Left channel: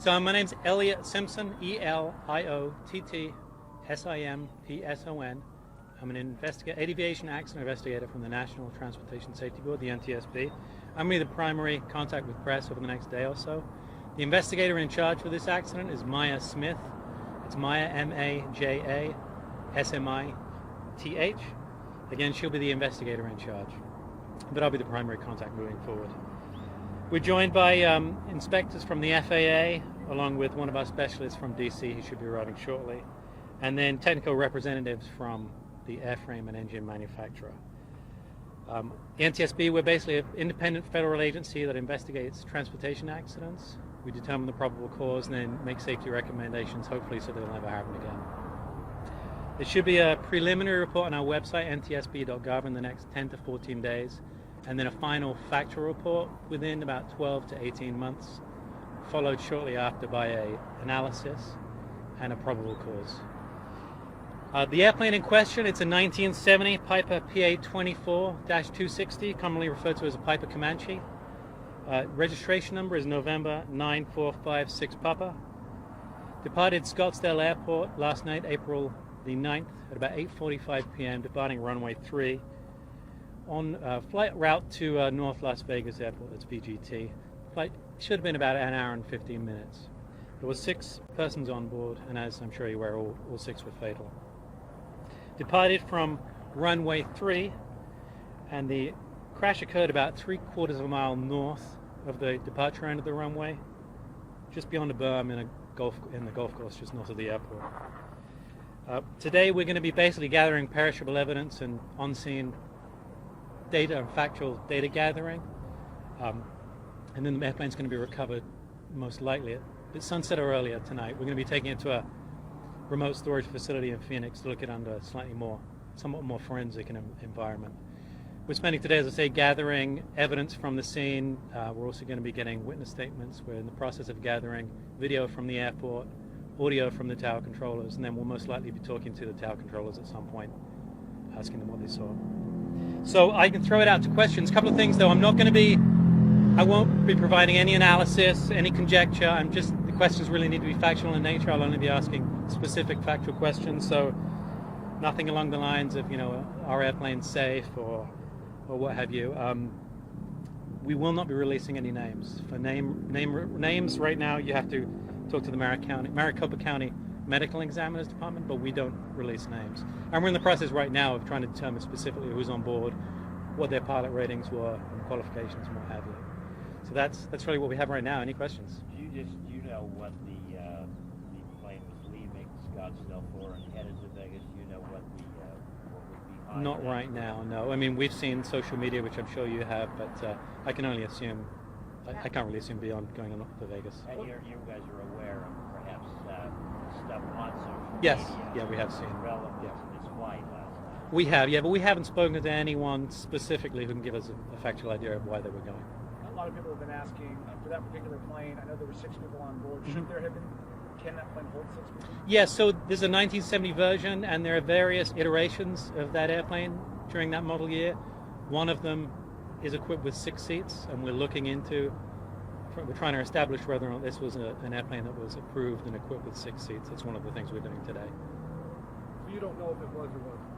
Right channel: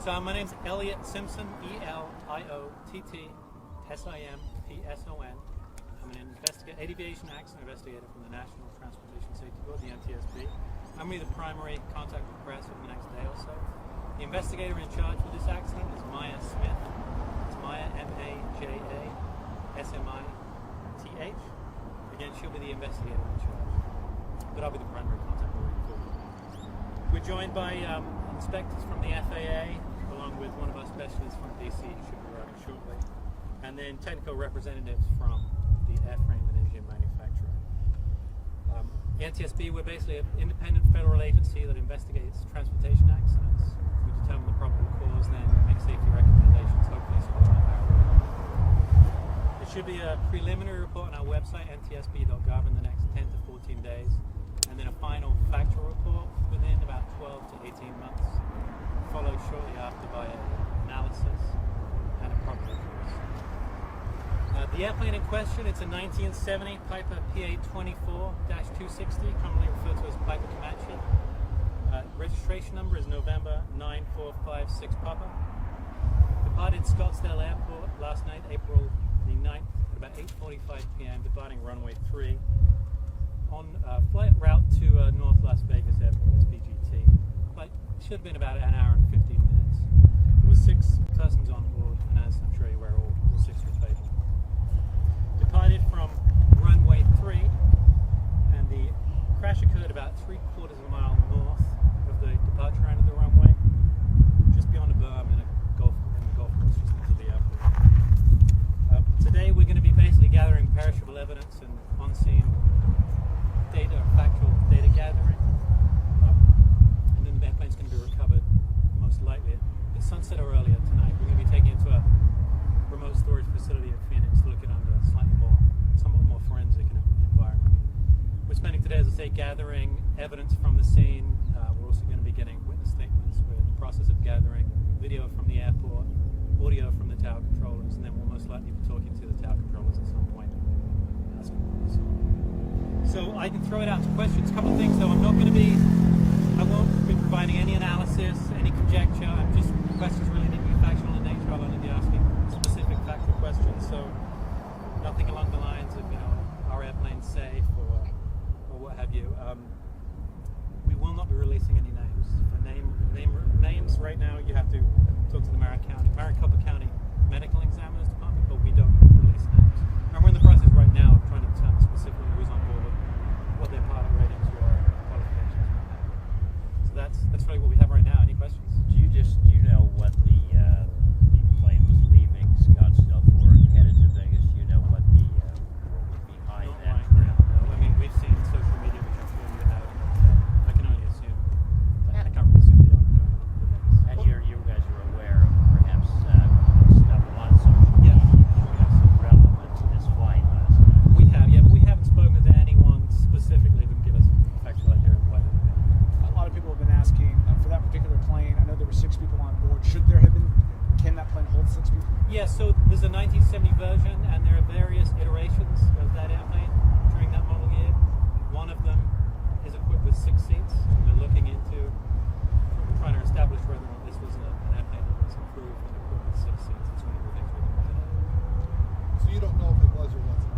So my name's Elliott Simpson, E-L-I-O-T-T-S-I-M-P-S-O-N. I'm an aviation accident investigator from the National Transportation Safety Board, the NTSB. I'm really the primary contact with press over the next day or so. The investigator in charge for this accident is Maya Smith. It's Maya, M-A-J-A, S-M-I-T-H. Again, she'll be the investigator in charge, but I'll be the primary contact moving forward. We're joined by inspectors from the FAA, along with one of our specialists from DC, who should be arriving shortly, and then technical representatives from the airframe and engine manufacturer. The NTSB, we're basically an independent federal agency that investigates transportation accidents. We determine the probable cause and then make safety recommendations, hopefully so they'll never happen again. There should be a preliminary report on our website, ntsb.gov, in the next 10 to 14 days, and then a final factual report within about 12 to 18 months, followed shortly after by an analysis and a probable cause. The airplane in question, it's a 1970 Piper PA-24-260, commonly referred to as a Piper Comanche. Registration number is November 9456 Papa. Departed Scottsdale Airport last night, April the 9th, at about 8:45 p.m., departing runway 3 on flight route to North Las Vegas Airport, that's VGT. Flight should have been about an hour and 15 minutes. There were 6 persons on board, and as I'm sure you're aware, all 6 were fatal. Departed from runway 3, and the crash occurred about 3/4 of a mile north of the departure end of the runway, just beyond a berm in the golf course just north of the airport. Today we're going to be basically gathering perishable evidence and on-scene data, factual data gathering, and then the airplane's going to be recovered most likely at sunset or earlier tonight. We're going to be taking it to a remote storage facility in Phoenix to look at under somewhat more forensic environment. We're spending today, as I say, gathering evidence from the scene. We're also going to be getting witness statements. We're in the process of gathering video from the airport, audio from the tower controllers, and then we'll most likely be talking to the tower controllers at some point, asking them what they saw. So I can throw it out to questions. A couple of things though, I won't be providing any analysis, any conjecture. The questions really need to be factual in nature. I'll only be asking specific factual questions, so nothing along the lines of, are airplanes safe or what have you. We will not be releasing any names. For names right now, you have to talk to the Maricopa County Medical Examiner's Department, but we don't release names. And we're in the process right now of trying to determine specifically who's on board, what their pilot ratings were, qualifications, and what have you. So that's really what we have right now. Any questions? Do you know what the plane was leaving Scottsdale for and headed to Vegas? Do you know what would be behind Not that? right now, no. I mean, we've seen social media, which I'm sure you have, but I can only assume. I can't really assume beyond going to Vegas. And you guys are aware of perhaps stuff on social media? Yes, yeah, we have seen. Relevant to this flight last night. We have, yeah, but we haven't spoken to anyone specifically who can give us a factual idea of why they were going. A lot of people have been asking for that particular plane. I know there were 6 people on board. Should there have been? Can that plane hold 6 people? Yeah, so there's a 1970 version, and there are various iterations of that airplane during that model year. One of them is equipped with 6 seats, and we're trying to establish whether or not this was an airplane that was approved and equipped with 6 seats. It's one of the things we're doing today. So you don't know if it was or wasn't?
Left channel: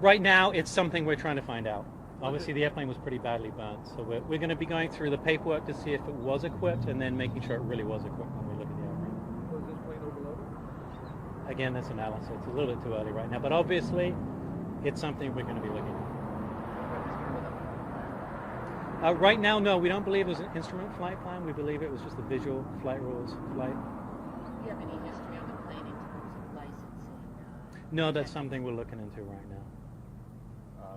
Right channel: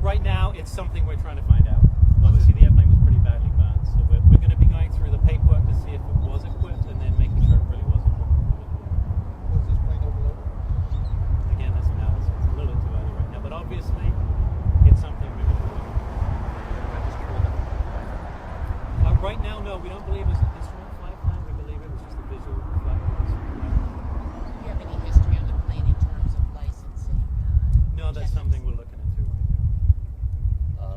Right now, it's something we're trying to find out. Obviously, the airplane was pretty badly burned, so we're going to be going through the paperwork to see if it was equipped, and then making sure it really was equipped. Was this plane overloaded? Again, this analysis. It's a little bit too early right now, but obviously, it's something we're going to be looking at. Right now, no, we don't believe it was an instrument flight plan. We believe it was just a visual flight rules flight. Do you have any history on the plane in terms of licensing? No, that's something we're looking into right now.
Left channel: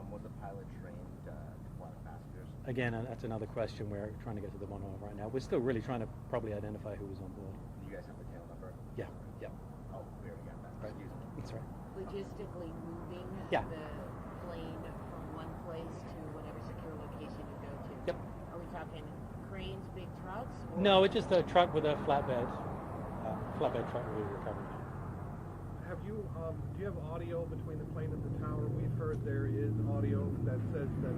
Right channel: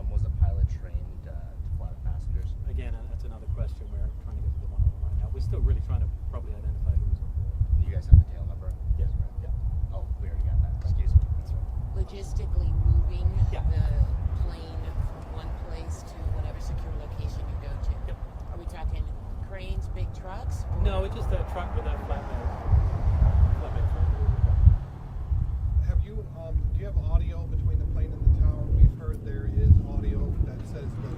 Was the pilot trained to fly the passengers? Again, that's another question we're trying to get to the bottom of right now. We're still really trying to probably identify who was on board. You guys have the tail number? Yeah, yeah. Oh, we already got that. Excuse me. That's right. Logistically moving Yeah. the plane from one place to whatever secure location you go to? Yep. Are we talking cranes, big trucks? Or? No, it's just a truck with a flatbed truck. Have you, do you have audio between the plane and the tower? We've heard there is audio that says that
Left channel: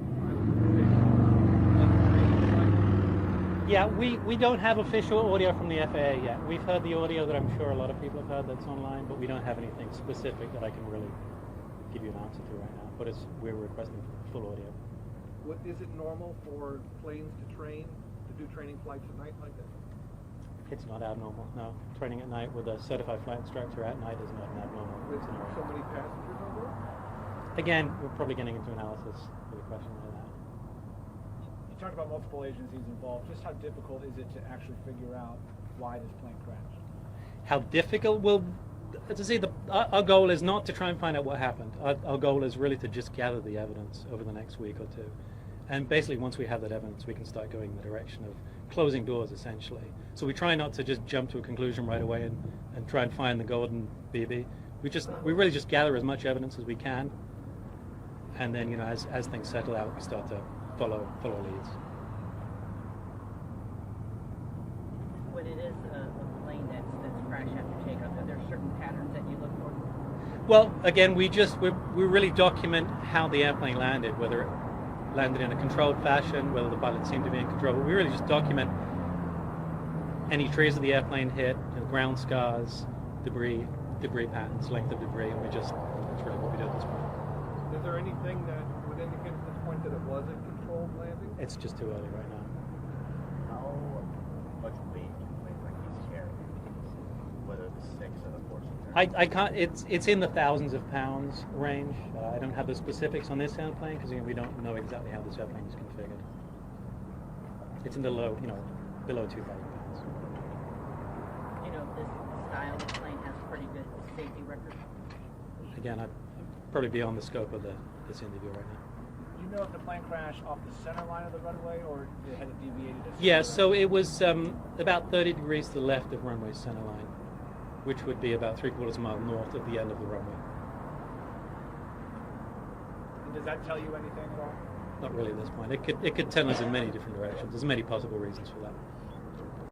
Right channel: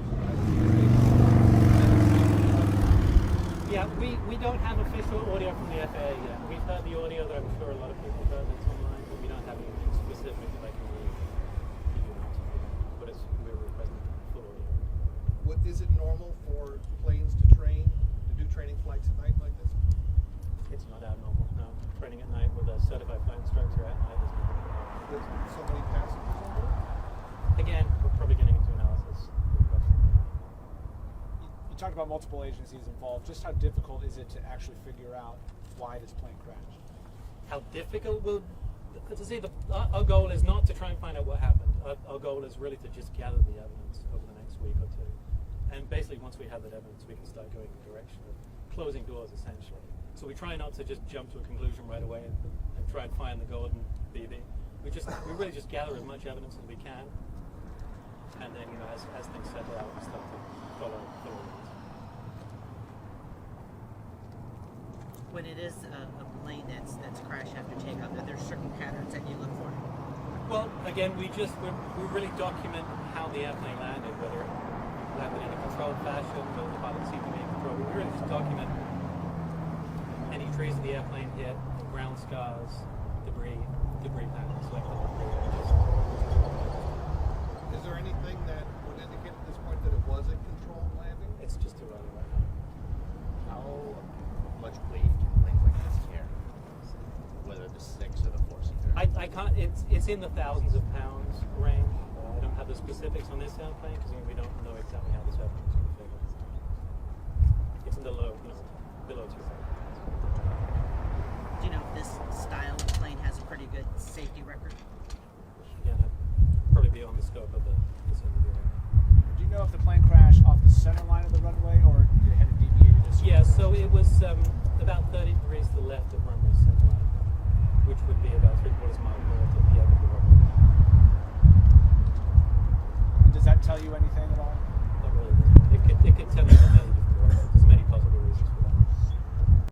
Yeah, we don't have official audio from the FAA yet. We've heard the audio that I'm sure a lot of people have heard that's online, but we don't have anything specific that I can really give you an answer to right now. But we're requesting full audio. Is it normal for planes to do training flights at night like this? It's not abnormal, no. Training at night with a certified flight instructor at night is not abnormal. With so many passengers on board? Again, we're probably getting into analysis with the question right now. You talked about multiple agencies involved. Just how difficult is it to actually figure out why this plane crashed? How difficult will, to see, our goal is not to try and find out what happened. Our goal is really to just gather the evidence over the next week or two. And basically, once we have that evidence, we can start going in the direction of closing doors, essentially. So we try not to just jump to a conclusion right away and try and find the golden BB. We really just gather as much evidence as we can, and then, you know, as things settle out, we start to follow leads. When it is a plane that's crashed after takeoff, are there certain patterns that you look for? Well, again, we really document how the airplane landed, whether it landed in a controlled fashion, whether the pilot seemed to be in control. But we really just document any trees that the airplane hit, the ground scars, debris patterns, length of debris, and we just control what we do at this point. Is there anything that would indicate at this point that it was a controlled landing? It's just too early right now. How much weight do planes like this carry? Whether the 6 or the 4-seater? I can't. It's in the thousands of pounds range. I don't have the specifics on this airplane because we don't know exactly how this airplane is configured. It's in the low, below 2,000 pounds. Do you know if this style of plane has a pretty good safety record? Again, I'd probably beyond the scope of this interview right now. Do you know if the plane crashed off the center line of the runway or they had it deviated? Yeah, so it was about 30 degrees to the left of runway center line, which would be about 3/4 mile north of the end of the runway. And does that tell you anything at all? Not really at this point. It could tell us in many different directions. There's many possible reasons for that.